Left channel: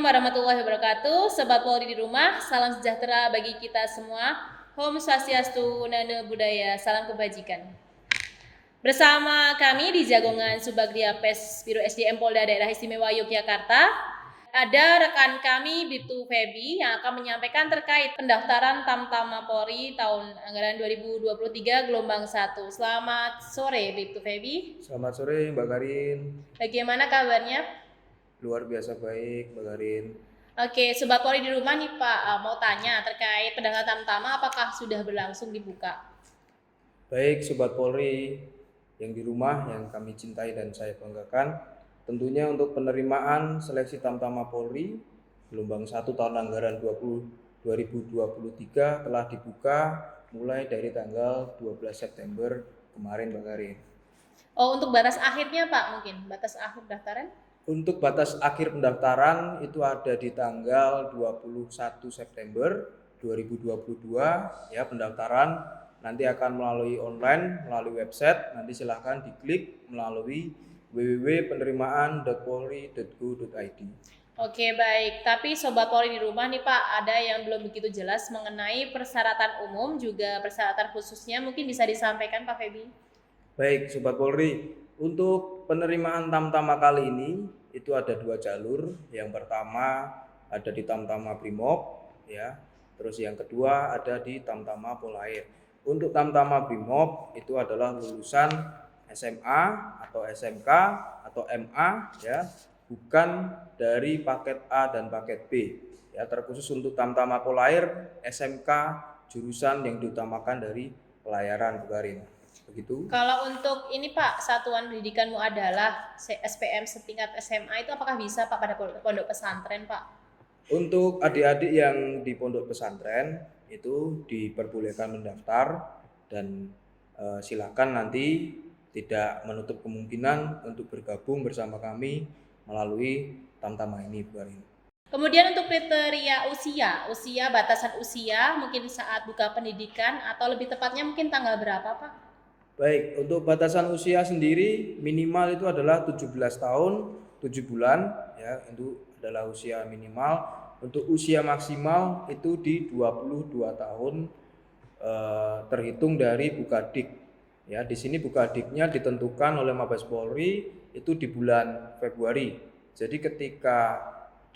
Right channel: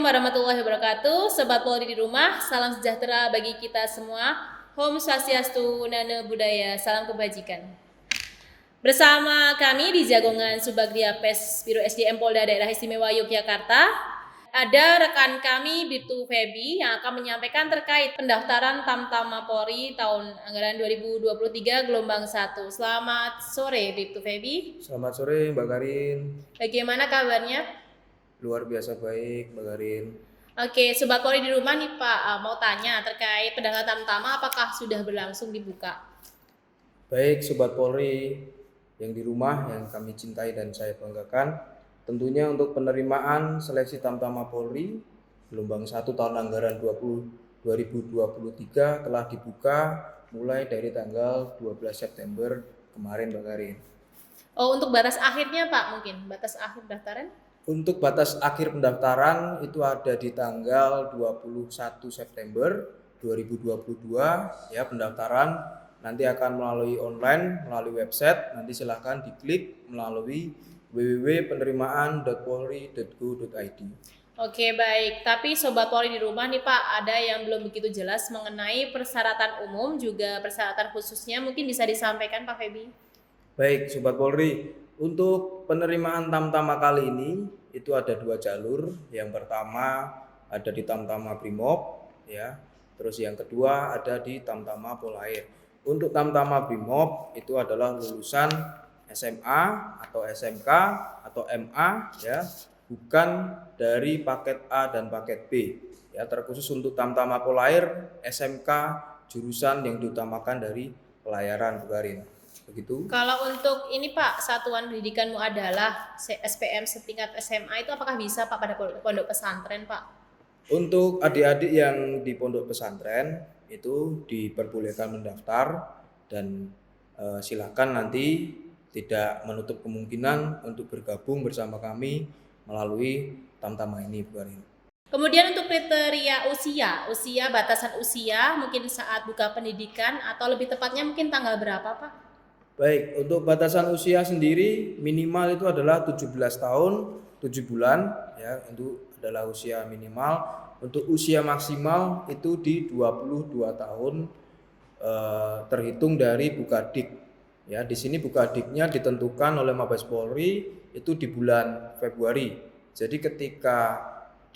Assalamualaikum warahmatullahi wabarakatuh. Sobat Polri di rumah, salam sejahtera bagi kita semua. Om Swastiastu, Namo Buddhaya, salam kebajikan. Bersama kami di Jagongan Subagdia Pes Biro SDM Polda Daerah Istimewa Yogyakarta, ada rekan kami Bribtu Febi yang akan menyampaikan terkait pendaftaran Tamtama Polri tahun anggaran 2023 gelombang 1. Selamat sore Bribtu Febi. Selamat sore Mbak Karin. Bagaimana kabarnya? Luar biasa baik Mbak Karin. Oke, Sobat Polri di rumah nih Pak, mau tanya terkait pendaftaran Tamtama apakah sudah berlangsung dibuka? Baik Sobat Polri yang di rumah yang kami cintai dan saya banggakan, tentunya untuk penerimaan seleksi Tamtama Polri gelombang 1 tahun anggaran 2023 telah dibuka mulai dari tanggal 12 September kemarin Mbak Karin. Oh, untuk batas akhirnya Pak mungkin, batas akhir pendaftaran? Untuk batas akhir pendaftaran itu ada di tanggal 21 September 2022 ya, pendaftaran nanti akan melalui online, melalui website, nanti silahkan diklik melalui www.penerimaan.polri.go.id. Oke, baik. Tapi Sobat Polri di rumah nih Pak, ada yang belum begitu jelas mengenai persyaratan umum juga persyaratan khususnya, mungkin bisa disampaikan Pak Febi? Baik Sobat Polri, untuk penerimaan Tamtama kali ini itu ada 2 jalur. Yang pertama ada di Tamtama Brimob ya. Terus yang kedua ada di Tamtama Polair. Untuk Tamtama Brimob itu adalah lulusan SMA atau SMK atau MA ya, bukan dari paket A dan paket B. Ya, terkhusus untuk Tamtama Polair SMK jurusan yang diutamakan dari pelayaran Bu Karin. Begitu. Kalau untuk ini Pak, satuan pendidikanmu adalah SPM setingkat SMA itu apakah bisa Pak pada pondok pesantren Pak? Untuk adik-adik yang di pondok pesantren itu diperbolehkan mendaftar dan silakan nanti tidak menutup kemungkinan untuk bergabung bersama kami melalui Tamtama ini Bu Karin. Kemudian untuk kriteria usia batasan usia mungkin saat buka pendidikan atau lebih tepatnya mungkin tanggal berapa Pak? Baik, untuk batasan usia sendiri minimal itu adalah 17 tahun 7 bulan ya, itu adalah usia minimal. Untuk usia maksimal itu di 22 tahun terhitung dari Bukadik. Ya, di sini Bukadiknya ditentukan oleh Mabes Polri itu di bulan Februari. Jadi ketika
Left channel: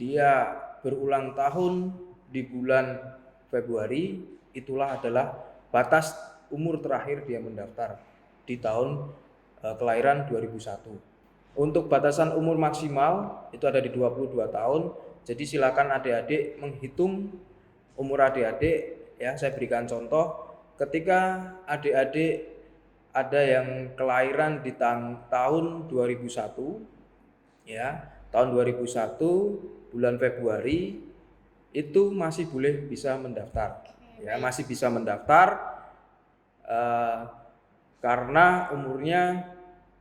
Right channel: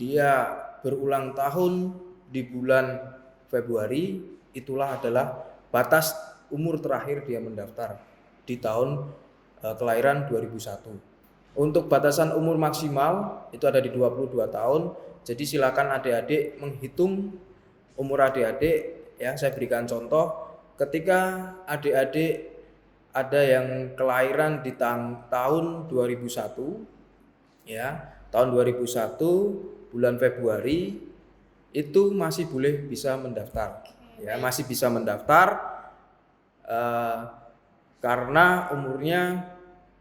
dia berulang tahun di bulan Februari, itulah adalah batas umur terakhir dia mendaftar di tahun kelahiran 2001. Untuk batasan umur maksimal itu ada di 22 tahun. Jadi silakan adik-adik menghitung umur adik-adik ya. Saya berikan contoh, ketika adik-adik ada yang kelahiran di tahun 2001 ya, tahun 2001 bulan Februari itu masih boleh bisa mendaftar ya, masih bisa mendaftar karena umurnya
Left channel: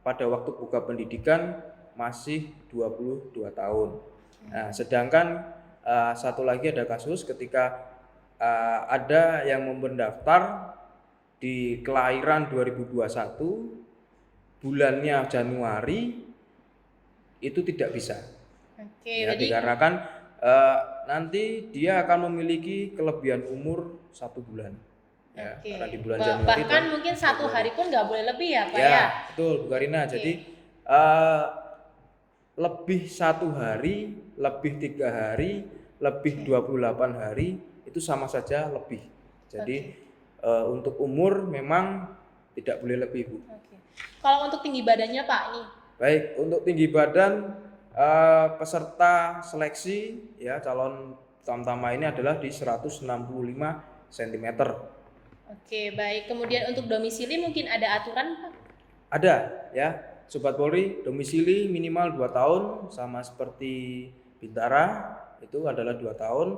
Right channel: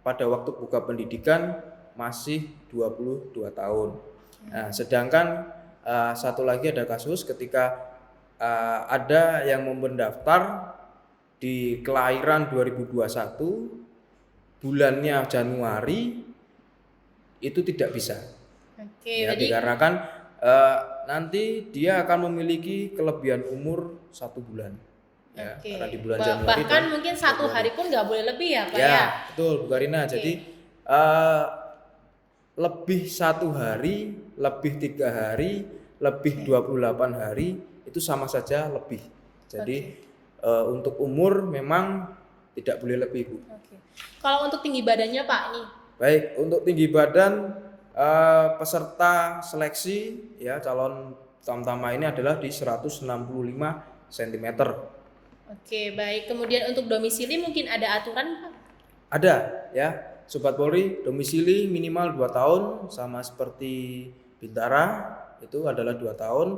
pada waktu buka pendidikan masih 22 tahun. Nah, sedangkan satu lagi ada kasus ketika ada yang mendaftar di kelahiran 2021 bulannya Januari itu tidak bisa. Oke, ya, dikarenakan nanti dia akan memiliki kelebihan umur 1 bulan. Ya, karena di bulan Januari bahkan mungkin 1 hari pun nggak boleh lebih ya Pak ya? Betul Bu Karina. Jadi lebih 1 hari, lebih 3 hari, lebih 28 hari itu sama saja lebih. Jadi untuk umur memang tidak boleh lebih Bu. Kalau untuk tinggi badannya Pak nih? Baik, untuk tinggi badan peserta seleksi ya calon Tamtama ini adalah di 165 cm. Oke, baik. Kemudian untuk domisili mungkin ada aturan Pak? Ada ya, Sobat Polri, domisili minimal 2 tahun sama seperti Bintara itu adalah 2 tahun,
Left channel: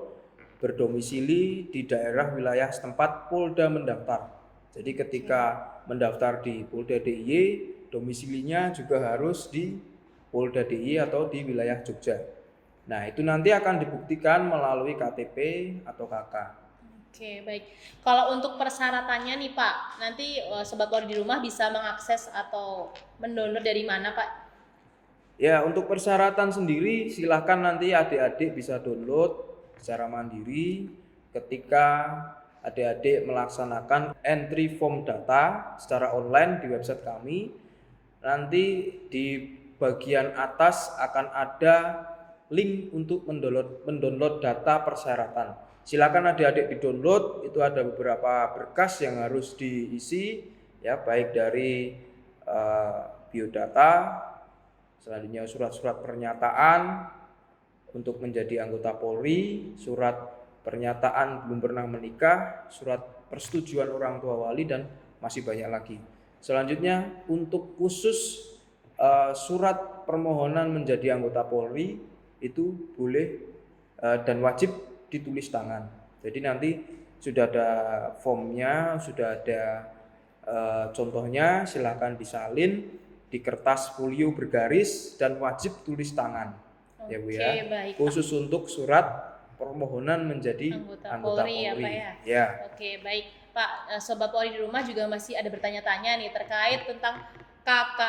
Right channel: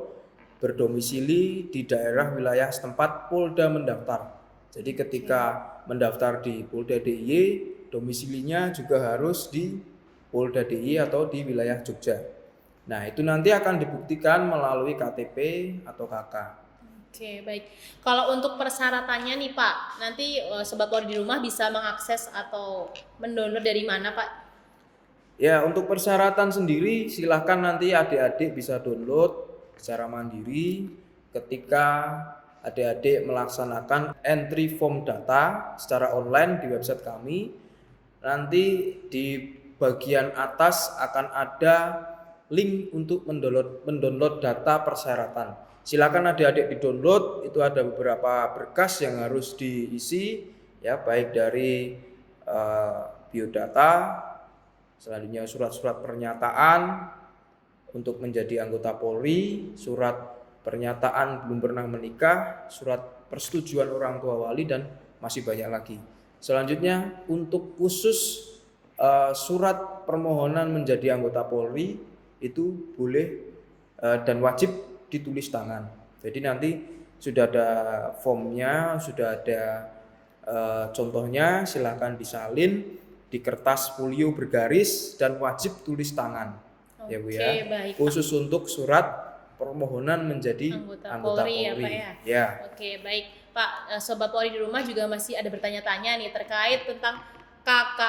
berdomisili di daerah wilayah setempat Polda mendaftar. Jadi ketika mendaftar di Polda DIY, domisilinya juga harus di Polda DIY atau di wilayah Jogja. Nah, itu nanti akan dibuktikan melalui KTP atau KK. Oke, baik. Kalau untuk persyaratannya nih Pak, nanti Sobat Polri di rumah bisa mengakses atau mendownload dari mana Pak? Ya, untuk persyaratan sendiri silahkan nanti adik-adik bisa download secara mandiri ketika adik-adik melaksanakan entry form data secara online di website kami. Nanti di bagian atas akan ada link untuk mendownload data persyaratan. Silakan adik-adik di-download, itu ada beberapa berkas yang harus diisi ya, baik dari biodata, selanjutnya surat-surat pernyataan untuk menjadi anggota Polri, surat pernyataan belum pernah menikah, surat persetujuan orang tua wali, dan masih banyak lagi. Selanjutnya untuk khusus surat permohonan menjadi anggota Polri itu boleh dan wajib ditulis tangan. Jadi nanti sudah ada formnya, sudah ada contohnya, silakan disalin di kertas folio bergaris dan wajib tulis tangan. Ya Bu ya. Baik, khusus Pak. Untuk surat permohonan menjadi anggota Polri. Ya Pak ya. Ya. Oke, baik Pak. Sobat Polri di rumah juga masih ada bertanya-tanya nih terkait tentang KK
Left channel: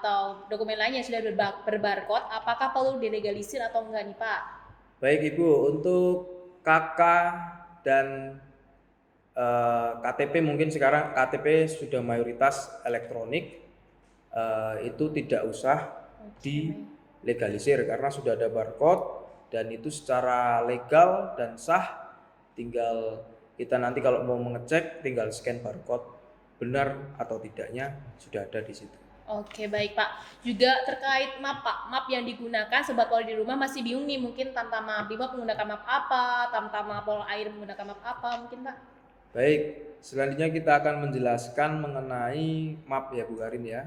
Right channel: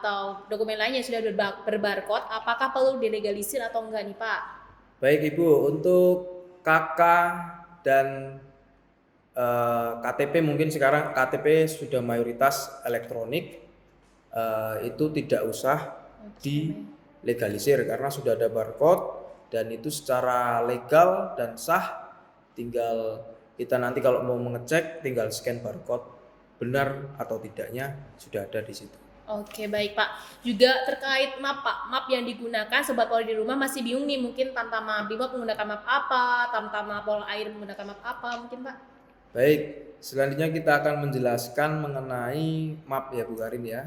atau dokumen lain yang sudah berbarcode, apakah perlu dilegalisir atau enggak nih Pak? Baik Ibu, untuk KK dan KTP mungkin sekarang KTP sudah mayoritas elektronik, itu tidak usah dilegalisir karena sudah ada barcode dan itu secara legal dan sah. Tinggal kita nanti kalau mau mengecek tinggal scan barcode, benar atau tidaknya sudah ada di situ. Oke, baik Pak. Juga terkait map Pak, map yang digunakan Sobat Polri di rumah masih bingung nih, mungkin Tamtama Brimob menggunakan map apa, Tamtama Polair menggunakan map apa mungkin Pak? Baik, selanjutnya kita akan menjelaskan mengenai map ya Bu Karin ya.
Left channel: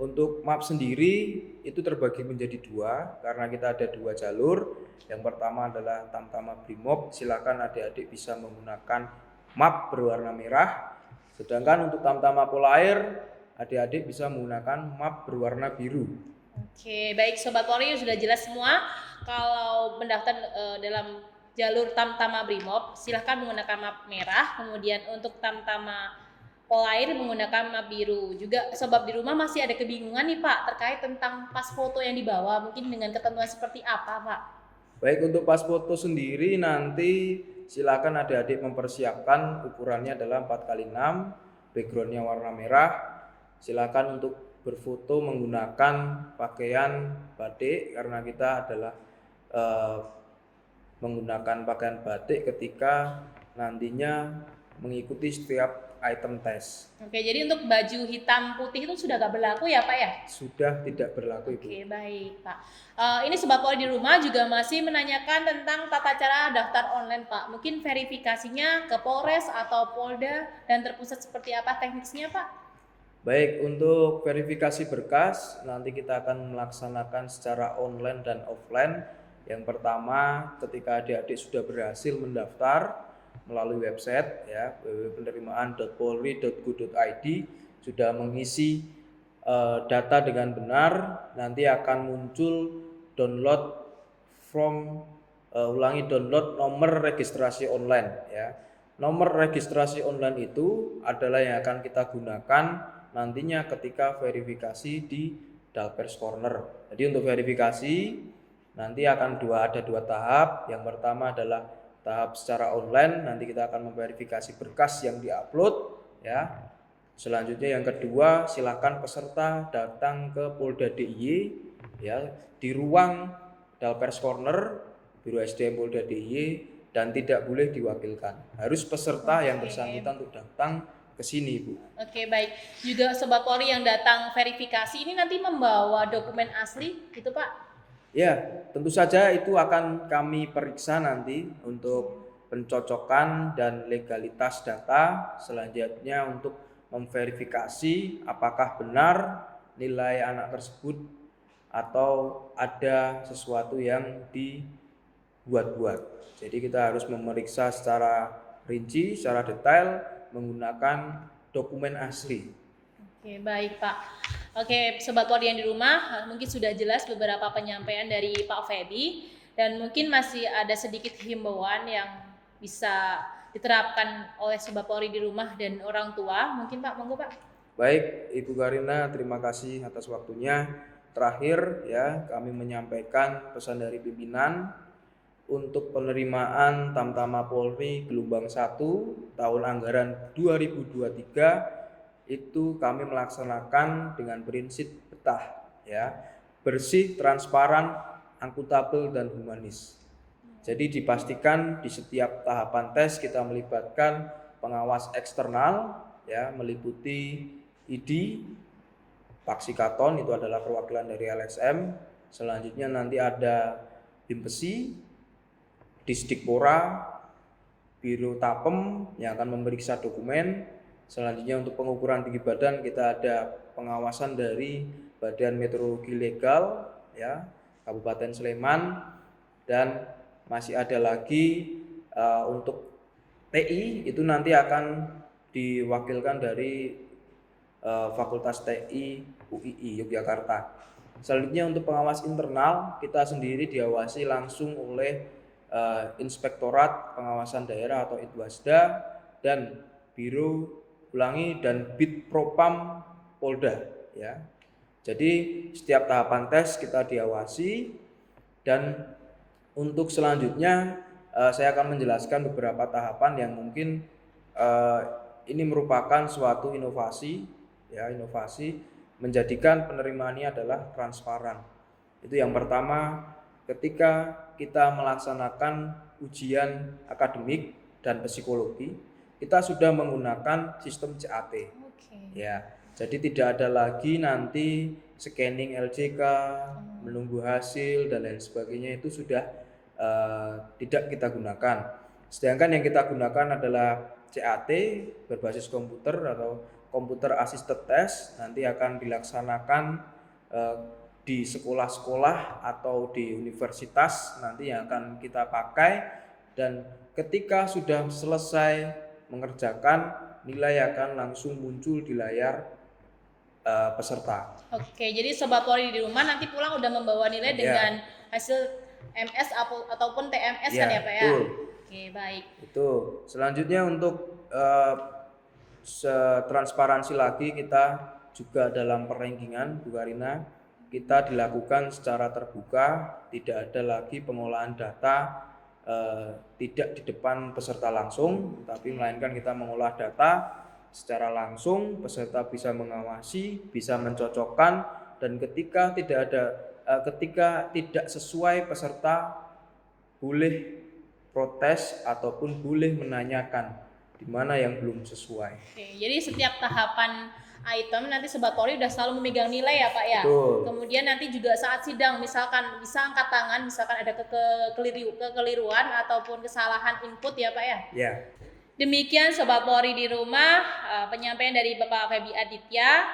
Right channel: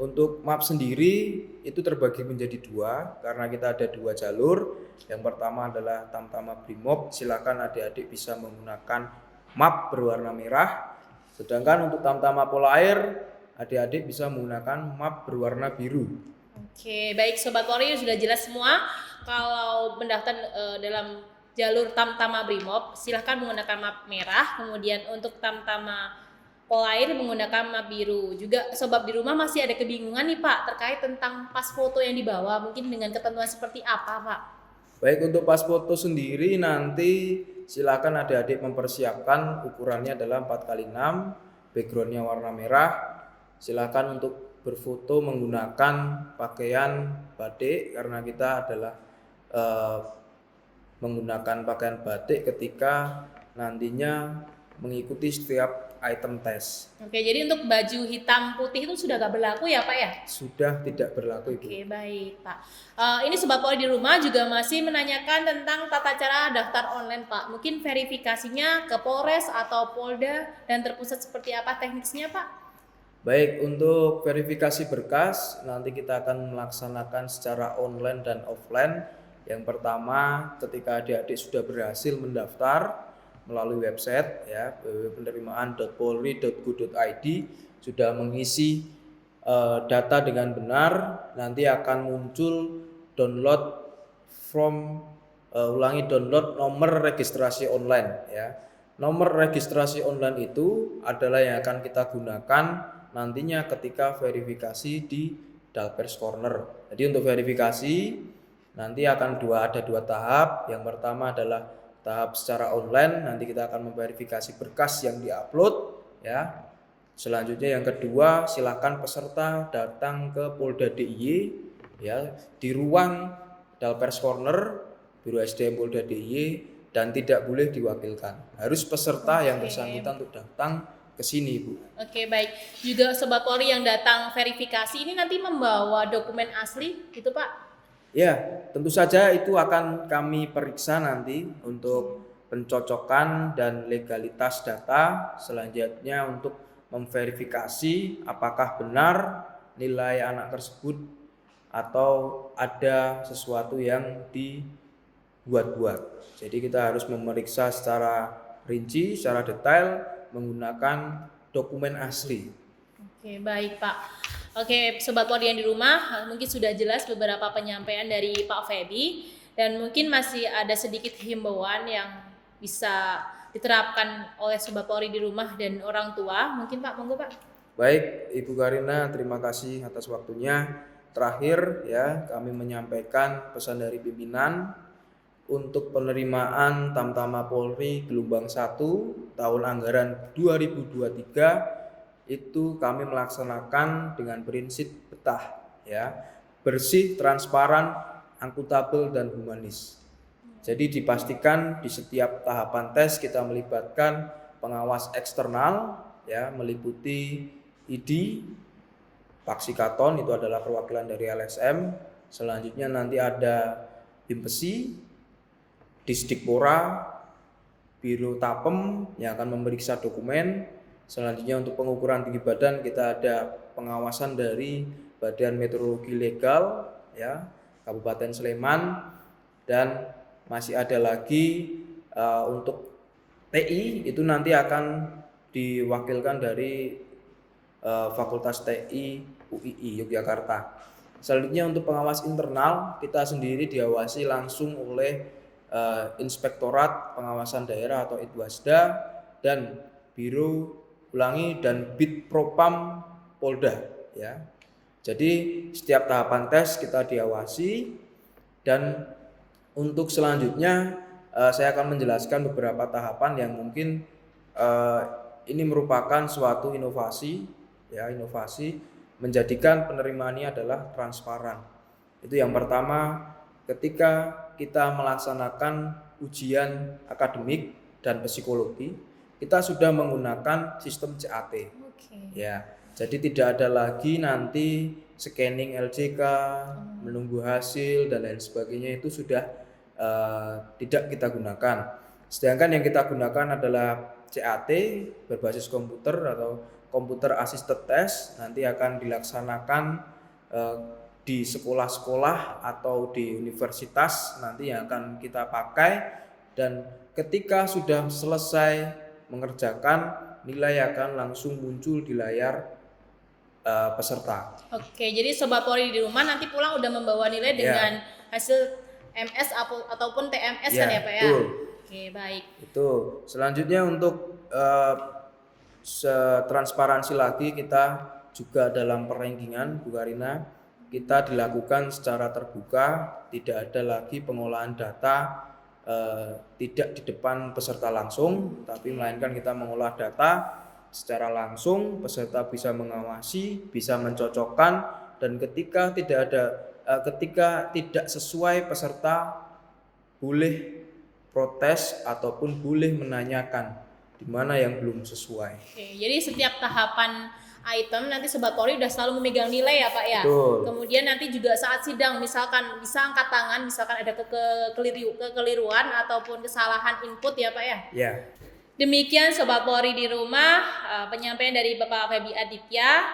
Untuk map sendiri itu terbagi menjadi dua karena kita ada dua jalur. Yang pertama adalah Tamtama Brimob, silakan adik-adik bisa menggunakan map berwarna merah. Sedangkan untuk Tamtama Polair, adik-adik bisa menggunakan map berwarna biru. Oke, baik Sobat Polri sudah jelas semua. Kalau mendaftar dalam jalur Tamtama Brimob, silahkan menggunakan map merah. Kemudian untuk Tamtama Polair menggunakan map biru. Juga sobat di rumah masih ada kebingungan nih Pak terkait tentang pas foto yang dibawa, mungkin dengan ketentuan seperti apa Pak? Baik, untuk pas foto sendiri nanti silakan adik-adik mempersiapkan ukurannya adalah 4x6, backgroundnya warna merah. Silakan untuk berfoto menggunakan pakaian batik karena kita adalah menggunakan pakaian batik ketika nantinya mengikuti setiap item tes. Oke, jadi untuk baju hitam putih itu sudah gak berlaku ya Pak ya? Sudah tidak berlaku Ibu. Oke, baik Pak. Ini Sobat Polri di rumah juga masih menanyakan tentang tata cara daftar online Pak. Mungkin verifikasinya ke Polres atau Polda dan terpusat seperti apa teknisnya Pak? Baik, untuk verifikasi berkas nanti kita akan melaksanakan secara online dan offline. Yang pertama, ketika adik-adik sudah berhasil mendaftar melalui website ya www.penerimaan.polri.go.id, sudah mengisi data dengan benar, nanti akan muncul download nomor registrasi online ya. Nomor registrasi online itu adalah yang akan kita gunakan nantinya ketika verifikasi di Dalpers Corner. Jadi untuk verifikasi nanti akan ada dua tahap. Yang pertama adalah tahap secara online, nanti kita akan memverifikasi berkas yang diupload ya. Selanjutnya yang kedua, silakan peserta datang ke Polda DIY ya di ruang Dalpers Corner Biro SDM Polda DIY dan tidak boleh diwakilkan. Harus peserta yang bersangkutan untuk datang ke sini, Bu. Oke, baik. Juga Sobat Polri yang datang verifikasi ini nanti membawa dokumen asli gitu Pak? Ya, tentu saja itu akan kami periksa nanti untuk pencocokan dan legalitas data. Selanjutnya untuk memverifikasi apakah benar nilai anak tersebut atau ada sesuatu yang dibuat-buat. Jadi kita harus memeriksa secara rinci, secara detail menggunakan dokumen asli. Oke, baik Pak. Oke, Sobat Polri yang di rumah, mungkin sudah jelas beberapa penyampaian dari Pak Feby dan mungkin masih ada sedikit himbauan yang bisa diterapkan oleh Sobat Polri di rumah dan orang tua. Mungkin Pak, monggo Pak. Baik, Ibu Karina, terima kasih atas waktunya. terakhir ya, kami menyampaikan pesan dari pimpinan untuk penerimaan Tamtama Polri gelombang 1 tahun anggaran 2023 itu kami melaksanakan dengan prinsip betah ya, bersih, transparan, akuntabel dan humanis. Jadi dipastikan di setiap tahapan tes kita melibatkan pengawas eksternal ya, meliputi ID, Paksikaton itu adalah perwakilan dari LSM. Selanjutnya nanti ada Bimpesi, Disdikpora, Biro Tapem yang akan memeriksa dokumen. Selanjutnya untuk pengukuran tinggi badan kita ada pengawasan dari Badan Meteorologi Legal ya, Kabupaten Sleman, dan masih ada lagi untuk TI itu nanti akan diwakilkan dari Fakultas TI UII Yogyakarta. Selanjutnya untuk pengawas internal kita sendiri diawasi langsung oleh Inspektorat Pengawasan Daerah atau Itwasda dan Biro dan Bitpropam Polda ya. Jadi setiap tahapan tes kita diawasi, dan untuk selanjutnya saya akan menjelaskan beberapa tahapan yang mungkin ini merupakan suatu inovasi ya, inovasi menjadikan penerimaan ini adalah transparan. Itu yang pertama, ketika kita melaksanakan ujian akademik dan psikologi, kita sudah menggunakan sistem CAT. Ya, jadi tidak ada lagi nanti scanning LJK, menunggu hasil dan lain sebagainya, itu sudah tidak kita gunakan. Sedangkan yang kita gunakan adalah CAT berbasis komputer atau computer assisted test, nanti akan dilaksanakan di sekolah-sekolah atau di universitas nanti yang akan kita pakai, dan ketika sudah selesai mengerjakan, nilai akan langsung muncul di layar peserta. Oke, jadi Sobat Polri di rumah nanti pulang udah membawa nilai dengan hasil MS ataupun TMS kan ya Pak ya? Betul. Oke, baik. Itu selanjutnya untuk transparansi lagi, kita juga dalam perenggingan Bu Karina, kita dilakukan secara terbuka, tidak ada lagi pengolahan data tidak di depan peserta langsung, tapi melainkan kita mengolah data secara langsung, peserta bisa mengawasi, bisa mencocokkan, dan ketika tidak sesuai, peserta boleh protes ataupun boleh menanyakan di mana yang belum sesuai. Oke, jadi setiap tahapan item nanti Sobat Polri udah selalu memegang nilai ya Pak ya. Betul. Kemudian nanti juga saat sidang misalkan bisa angkat tangan, misalkan ada kekeliruan ataupun kesalahan input ya Pak ya. Ya. Demikian Sobat Polri di rumah, penyampaian dari Bapak Febi Aditya.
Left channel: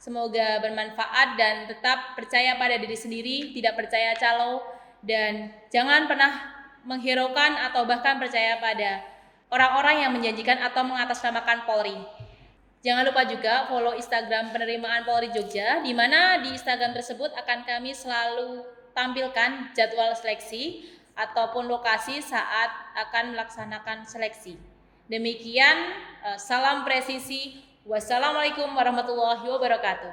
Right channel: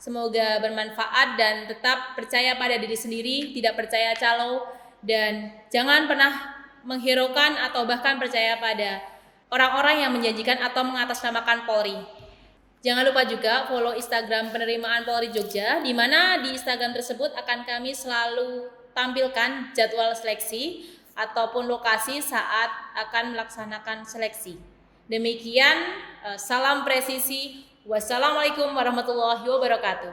Semoga bermanfaat dan tetap percaya pada diri sendiri, tidak percaya calo, dan jangan pernah menghiraukan atau bahkan percaya pada orang-orang yang menjanjikan atau mengatasnamakan Polri. Jangan lupa juga follow Instagram penerimaan Polri Jogja, di mana di Instagram tersebut akan kami selalu tampilkan jadwal seleksi ataupun lokasi saat akan melaksanakan seleksi. Demikian, salam presisi. Wassalamualaikum warahmatullahi wabarakatuh.